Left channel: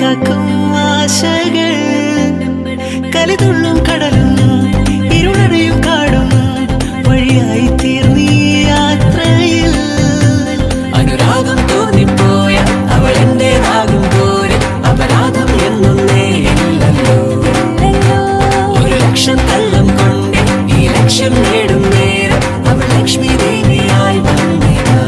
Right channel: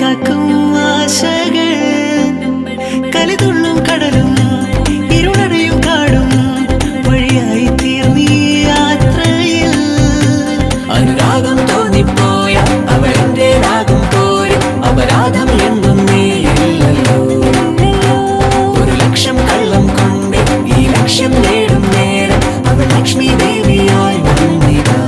കാക്കും ആശകൾ കലിതുള്ളും കടലും ഇരുളടയും കാടും വഴിയായി തീർന്നീ യാത്രയിൽ അനുരാഗം തോന്നിപ്പോയ അവളെന്റേതാകും പോലും അപരാധം എന്നും നേരില്ലല്ലോ ഒരു ലക്ഷം കള്ളം കൊണ്ട് ഈ ലക്ഷ്യം നേടും നേരം അവൾ ലക്ഷ്മി ദേവിയായി വന്നിതാ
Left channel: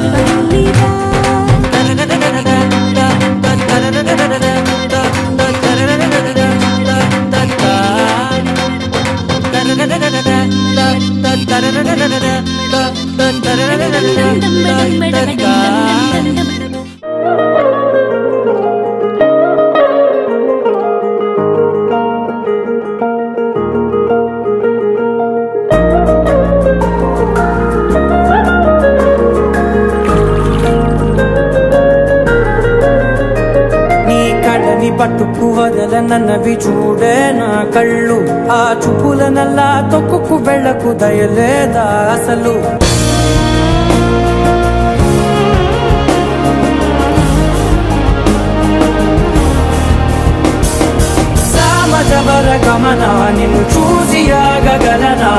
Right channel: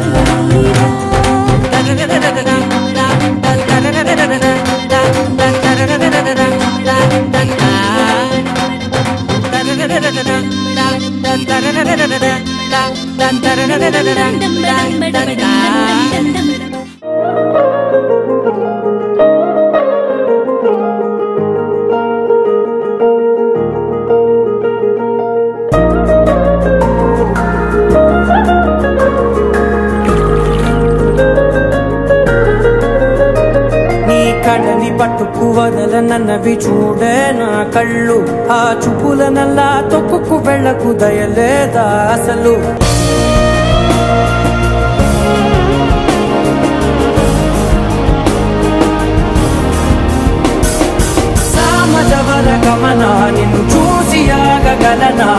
కళ్ళని పట్టుకు వదల నన్నవి చూడే నా కళ్ళు ఆ చూపుల నల్లా తొక్కుకు వెళ్ళకు దయలేదా అసలు సామజవర గమన నిన్ను చూసి ఆగగలనా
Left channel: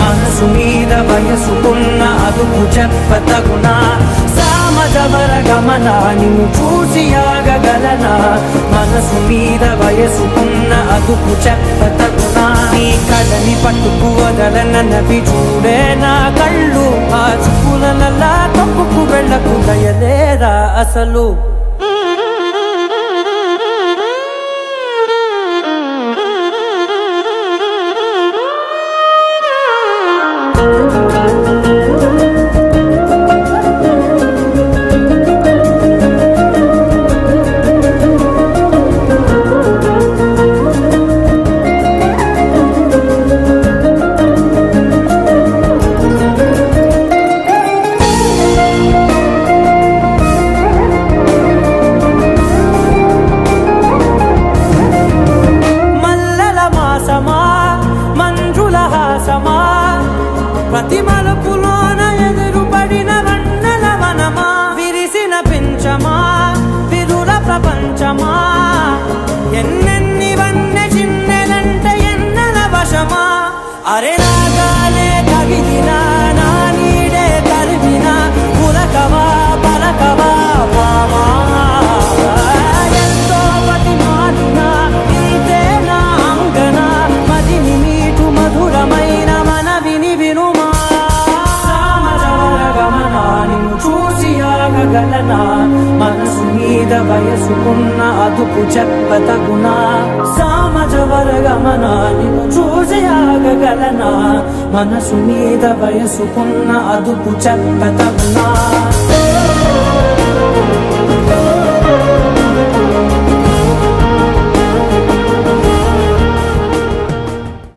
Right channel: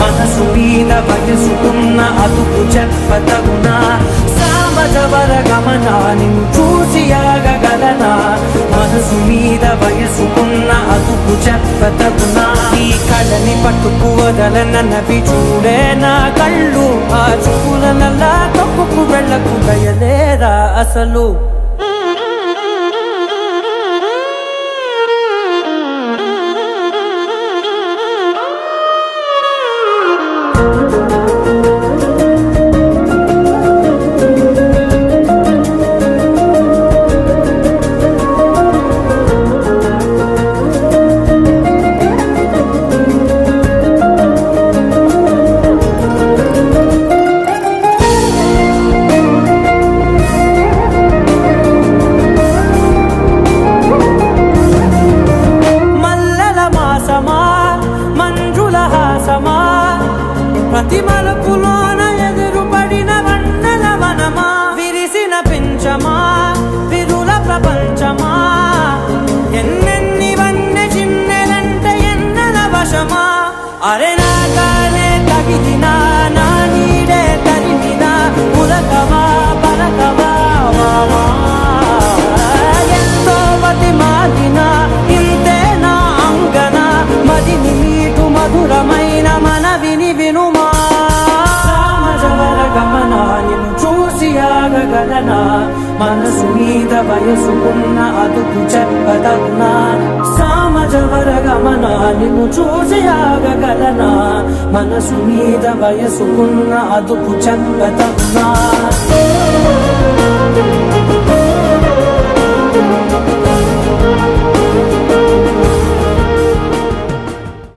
మనసు మీద వయసుకున్న అదుపు చెప్పతగునా సామజవర గమన నిన్ను చూసి ఆగగలనా మనసు మీద వయసుకున్న అదుపు చెప్పతగునా నీ కళ్ళని పట్టుకు వదలనన్నవి చూడే నా కళ్ళు ఆ చూపుల నల్లా తొక్కుకు వెళ్ళకు దయలేరా అసలు మంజుల హాసమా ప్రతి మలుపులోన ఎదురుపడిన వన్నెల వనమా విరిసిన పించమా విరుల ప్రపంచమా ఎన్నెన్ని వన్నె చిన్నెలంటే ఎన్నెల వశమా అరే నాగాలే తగిలినా నా నీడే తరిమినా ఉలకవా పరకవా వామా ఎంతో మది మారినా ఇంతేనా అంగన మదిని మీటు మధురమైన మనవిని వినుమా సామజవర గమన నిన్ను చూసి ఆగగలనా మనసు మీద వయసుకున్న అదుపు చెప్పదగునా సామజవర గమన నిన్ను చూసి ఆగగలనా మనసు మీద వయసుకున్న అదుపు చెప్పదగునా